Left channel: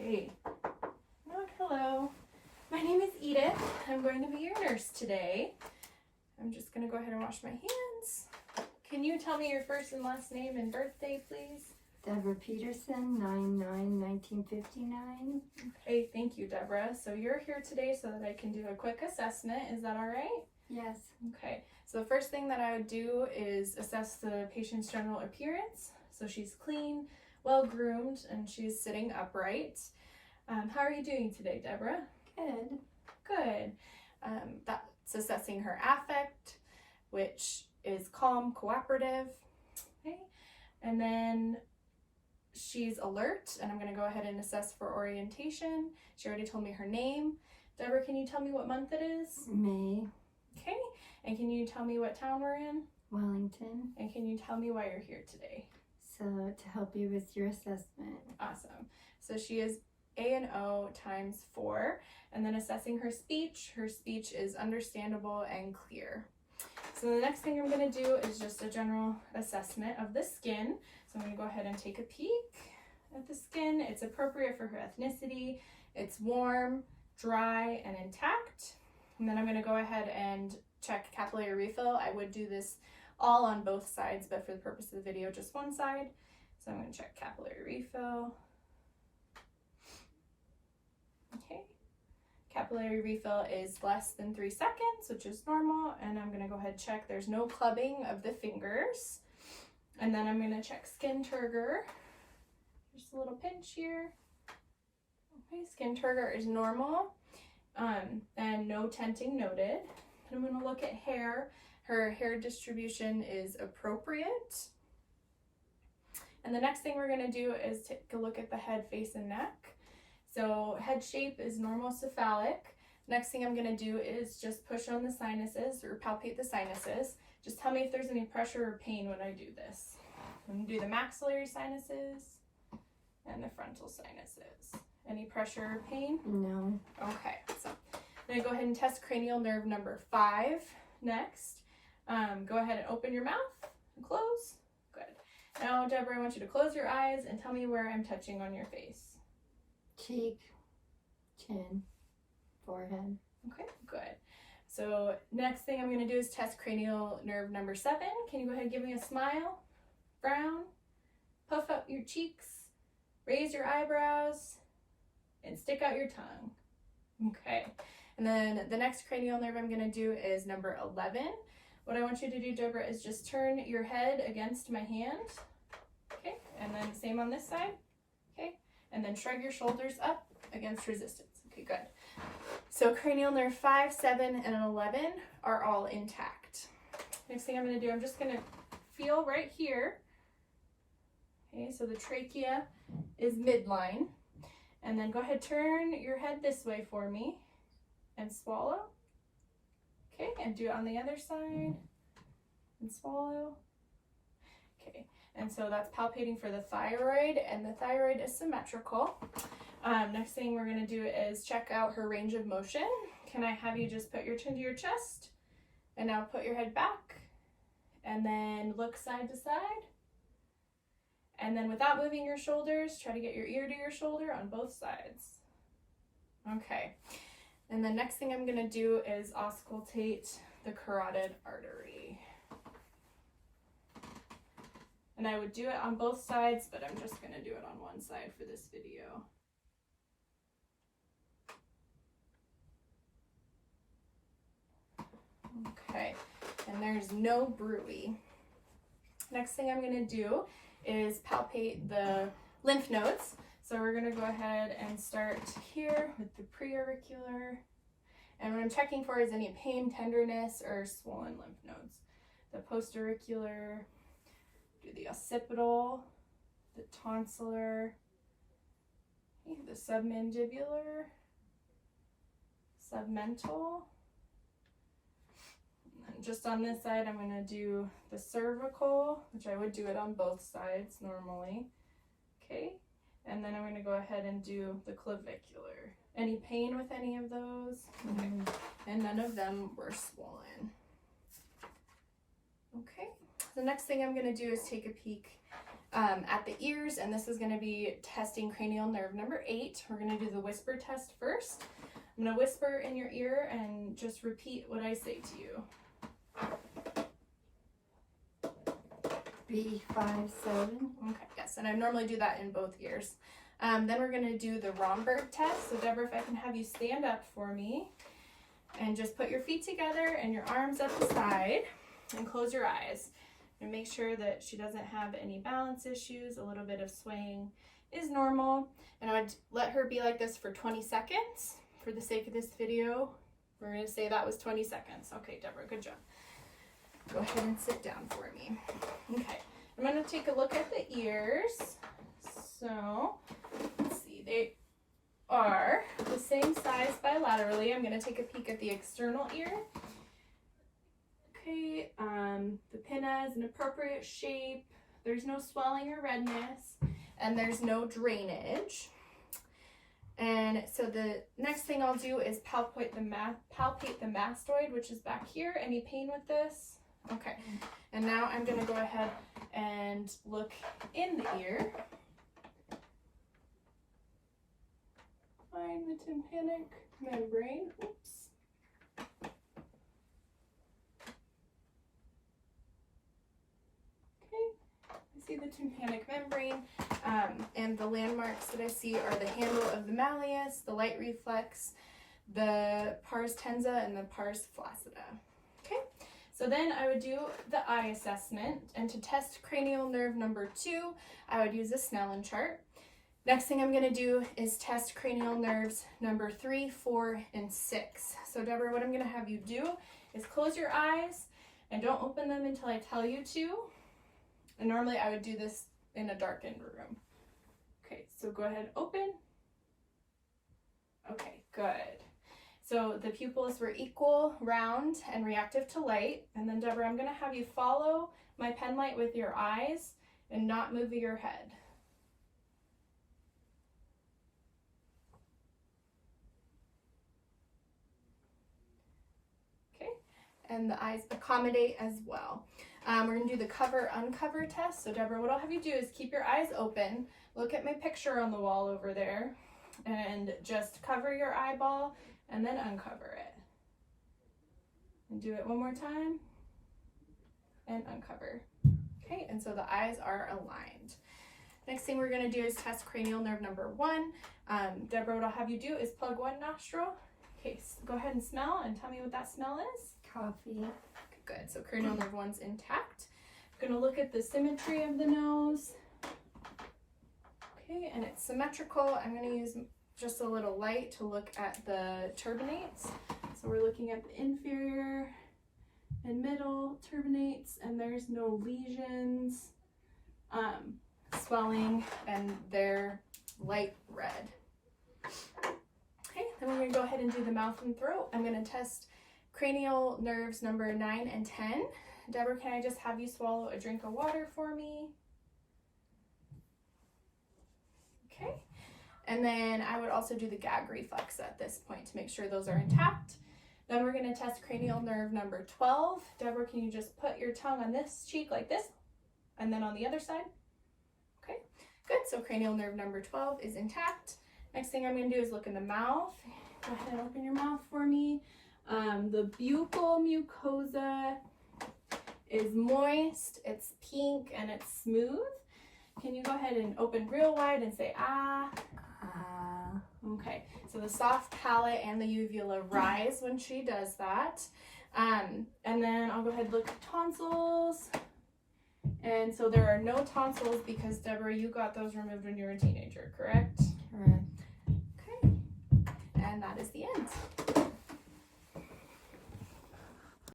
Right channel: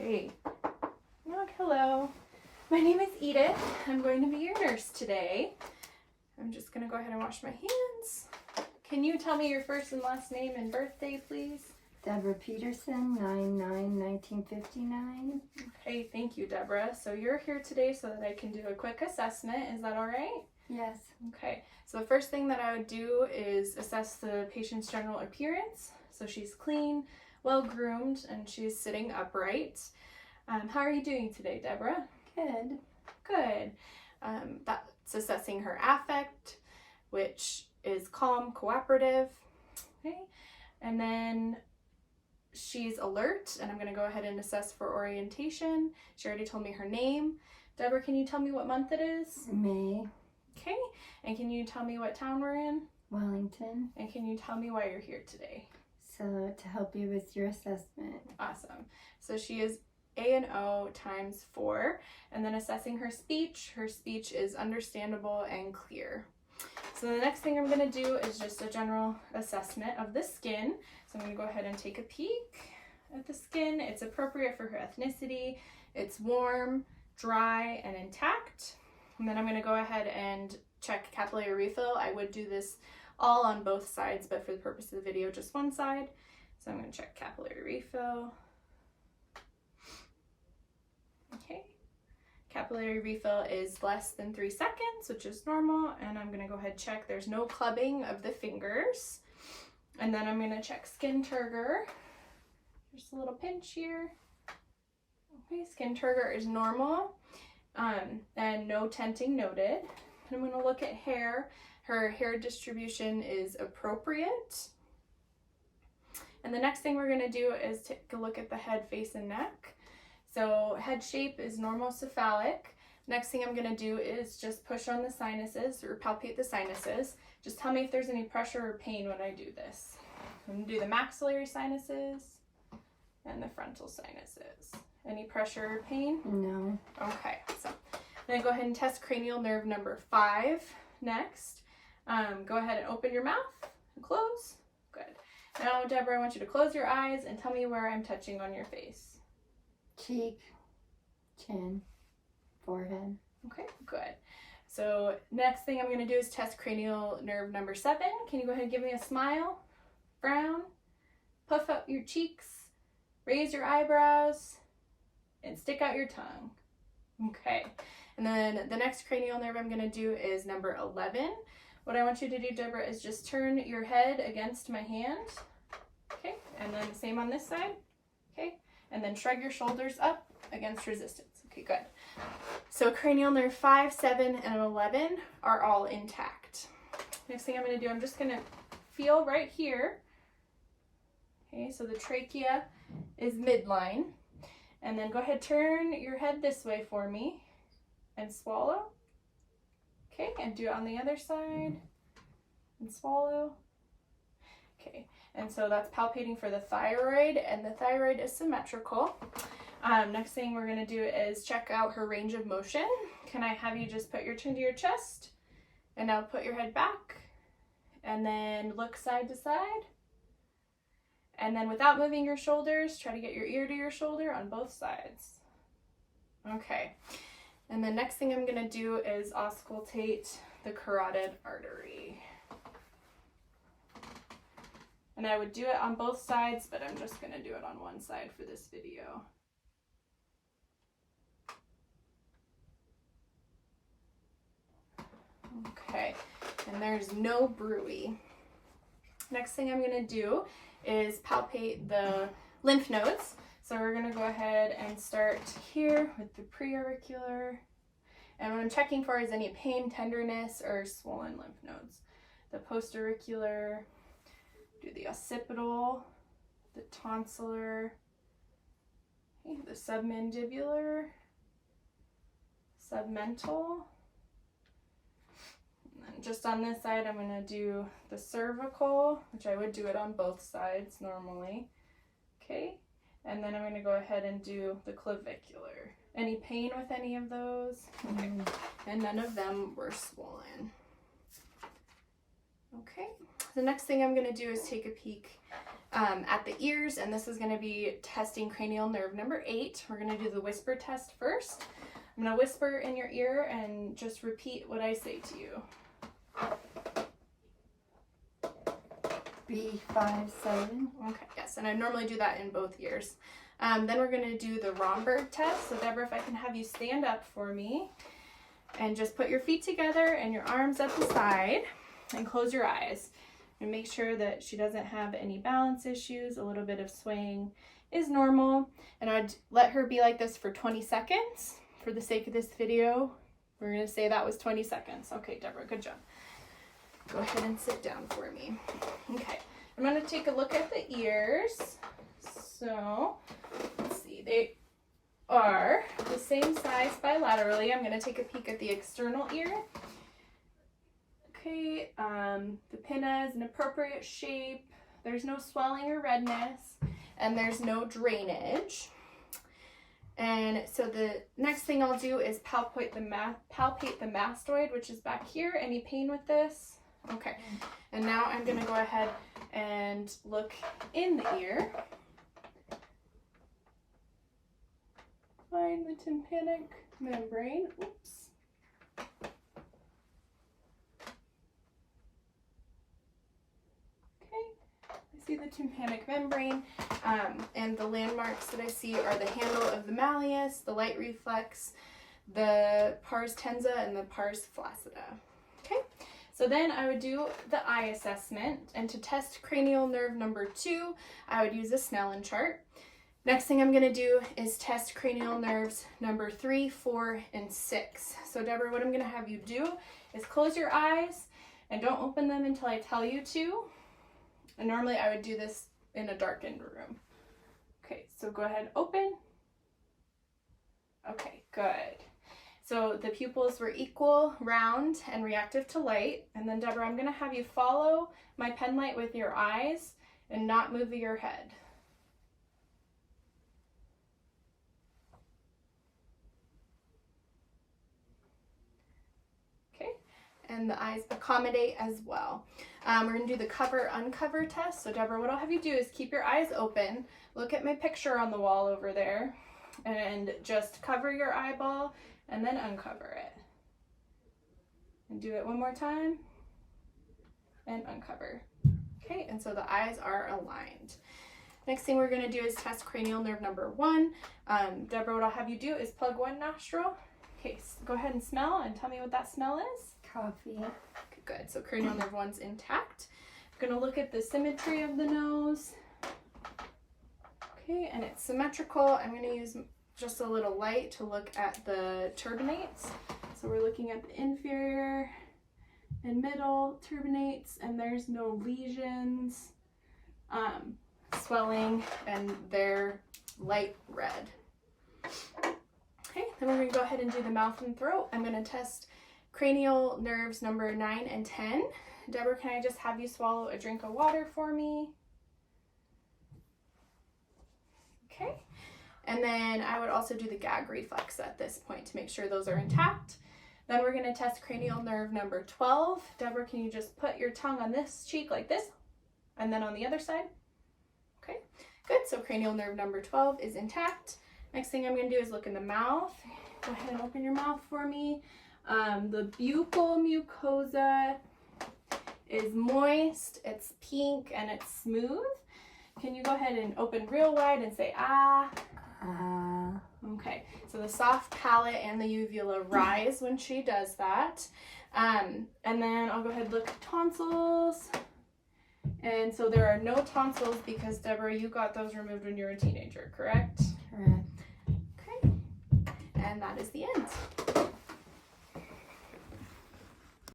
Okay. Hello. My name is Edith. I'm going to be your nurse today. I'm just going to go ahead and wash my hands. Can you tell me your first and last name and birthday, please? Deborah Peterson, 9/9/1959. Okay, thank you, Deborah. So you're here today so that I can do a quick assessment. Is that all right? Yes. Okay. So the first thing that I would do is assess the patient's general appearance. So she's clean, well-groomed, and she's sitting upright. How are you doing today, Deborah? Good. Good. That's assessing her affect, which is calm, cooperative. Okay. And then she's alert, and I'm going to go ahead and assess for orientation. She already told me her name. Deborah, can you tell me what month it is? May. Okay. And can you tell me what town we're in? Wellington. And can you tell me why you're here today? So to help you with your assessment. Awesome. So she is A&O times 4, and then assessing her speech. Her speech is understandable and clear. So the next thing I'm going to do is just a general assessment of the skin. So I'm going to go ahead and take a peek at the skin. It's appropriate for her ethnicity. It's warm, dry, and intact. And then I'm going to go ahead and check capillary refill. I would do this all on both sides, but for the purpose of the video, just one side. So I'm going to check capillary refill. Okay. Capillary refill is less than 3 seconds, which is normal, and I'm going to go ahead and check there's no clubbing of the fingers. And then I'm going to check skin turgor. Just a little pinch here. Okay, skin turgor is normal, and no tenting noted. And I'm going to look at hair. Her hair distribution is appropriate. And the next thing we're going to do is take a look at the head, face, and neck. So head shape is normal cephalic. Next thing I'm going to do is just push on the sinuses or palpate the sinuses. Just tell me if there's any pressure or pain when I do this. I'm going to do the maxillary sinuses and the frontal sinuses. Any pressure or pain? No. Okay, so I'm going to go ahead and test cranial nerve number 5 next. Go ahead and open your mouth and close. Good. Now, Deborah, I want you to close your eyes and tell me where I'm touching on your face. Cheek, chin, forehead. Okay, good. So next thing I'm going to do is test cranial nerve number 7. Can you go ahead and give me a smile, frown, puff up your cheeks, raise your eyebrows, and stick out your tongue. Okay. And then the next cranial nerve I'm going to do is number 11. What I want you to do, Deborah, is just turn your head against my hand. Okay. And then same on this side. Okay. And then shrug your shoulders up against resistance. Okay, good. So cranial nerve 5, 7, and 11 are all intact. Next thing I'm going to do, I'm just going to feel right here. Okay, so the trachea is midline. And then go ahead, turn your head this way for me and swallow. Okay, and do it on the other side and swallow. Okay, and so that's palpating for the thyroid, and the thyroid is symmetrical. Next thing we're going to do is check out her range of motion. Can I have you just put your chin to your chest, and now put your head back, and then look side to side. And then without moving your shoulders, try to get your ear to your shoulder on both sides. Okay. And the next thing I'm going to do is auscultate the carotid artery. And I would do it on both sides, but I'm just going to do it on one side for this video. Okay. And there's no bruit. Next thing I'm going to do is palpate the lymph nodes. So we're going to go ahead and start here with the preauricular. And what I'm checking for is any pain, tenderness, or swollen lymph nodes. The postauricular, do the occipital, the tonsillar, okay, the submandibular, submental. And just on this side, I'm going to do the cervical, which I would do it on both sides normally. Okay. And then I'm going to go ahead and do the clavicular. Any pain with any of those? Okay. And none of them were swollen. Okay. The next thing I'm going to do is take a peek at the ears, and this is going to be testing cranial nerve number 8. We're going to do the whisper test first. I'm going to whisper in your ear and just repeat what I say to you. B57. Okay, yes, and I normally do that in both ears. Then we're going to do the Romberg test. So Deborah, if I can have you stand up for me and just put your feet together and your arms at the side and close your eyes. And make sure that she doesn't have any balance issues. A little bit of swaying is normal. And I'd let her be like this for 20 seconds. For the sake of this video, we're going to say that was 20 seconds. Okay, Deborah, good job. Go ahead and sit down for me. Okay, I'm going to take a look at the ears. So, let's see, they are the same size bilaterally. I'm going to take a peek at the external ear. Okay, the pinna is an appropriate shape. There's no swelling or redness, and there's no drainage. And so the next thing I'll do is palpate the mastoid, which is back here. Any pain with this? Okay, and now I'm going to go ahead and look in the ear. Find the tympanic membrane. Oops. Okay, I see the tympanic membrane, and the landmarks that I see are the handle of the malleus, the light reflex, the pars tensa, and the pars flaccida. Okay, so then I would do the eye assessment, and to test cranial nerve number 2, I would use a Snellen chart. Next thing I'm going to do is test cranial nerves number 3, 4, and 6. So Deborah, what I'm going to have you do is close your eyes and don't open them until I tell you to. And normally I would do this in a darkened room. Okay, so go ahead, open. Okay, good. So the pupils were equal, round, and reactive to light. And then Deborah, I'm going to have you follow my pen light with your eyes and not move your head. Okay, and the eyes accommodate as well. We're going to do the cover-uncover test. So Deborah, what I'll have you do is keep your eyes open, look at my picture on the wall over there, and just cover your eyeball and then uncover it. And do it one more time and uncover. Okay, and so the eyes are aligned. Next thing we're going to do is test cranial nerve number 1. Deborah, what I'll have you do is plug one nostril. Okay, so go ahead and smell and tell me what that smell is. Coffee. Okay, good. So cranial nerve 1's intact. I'm going to look at the symmetry of the nose. Okay, and it's symmetrical. I'm going to use just a little light to look at the turbinates. So we're looking at the inferior and middle turbinates, and there's no lesions, swelling, and they're light red. Okay, then we're going to go ahead and do the mouth and throat. I'm going to test cranial nerves number 9 and 10. Deborah, can I just have you swallow a drink of water for me? Okay. And then I would also do the gag reflex at this point to make sure those are intact. Then we're going to test cranial nerve number 12. Deborah, can you just put your tongue on this cheek like this? And then on the other side? Okay, good. So cranial nerve number 12 is intact. Next thing I'm going to do is look in the mouth. Go ahead and open your mouth for me. The buccal mucosa is moist, it's pink, and it's smooth. Can you go ahead and open real wide and say, ah? Okay, so the soft palate and the uvula rise when she does that. And then I'll go ahead and look at tonsils. And so there are no tonsils because, Deborah, you got those removed when you were a teenager, correct? Correct.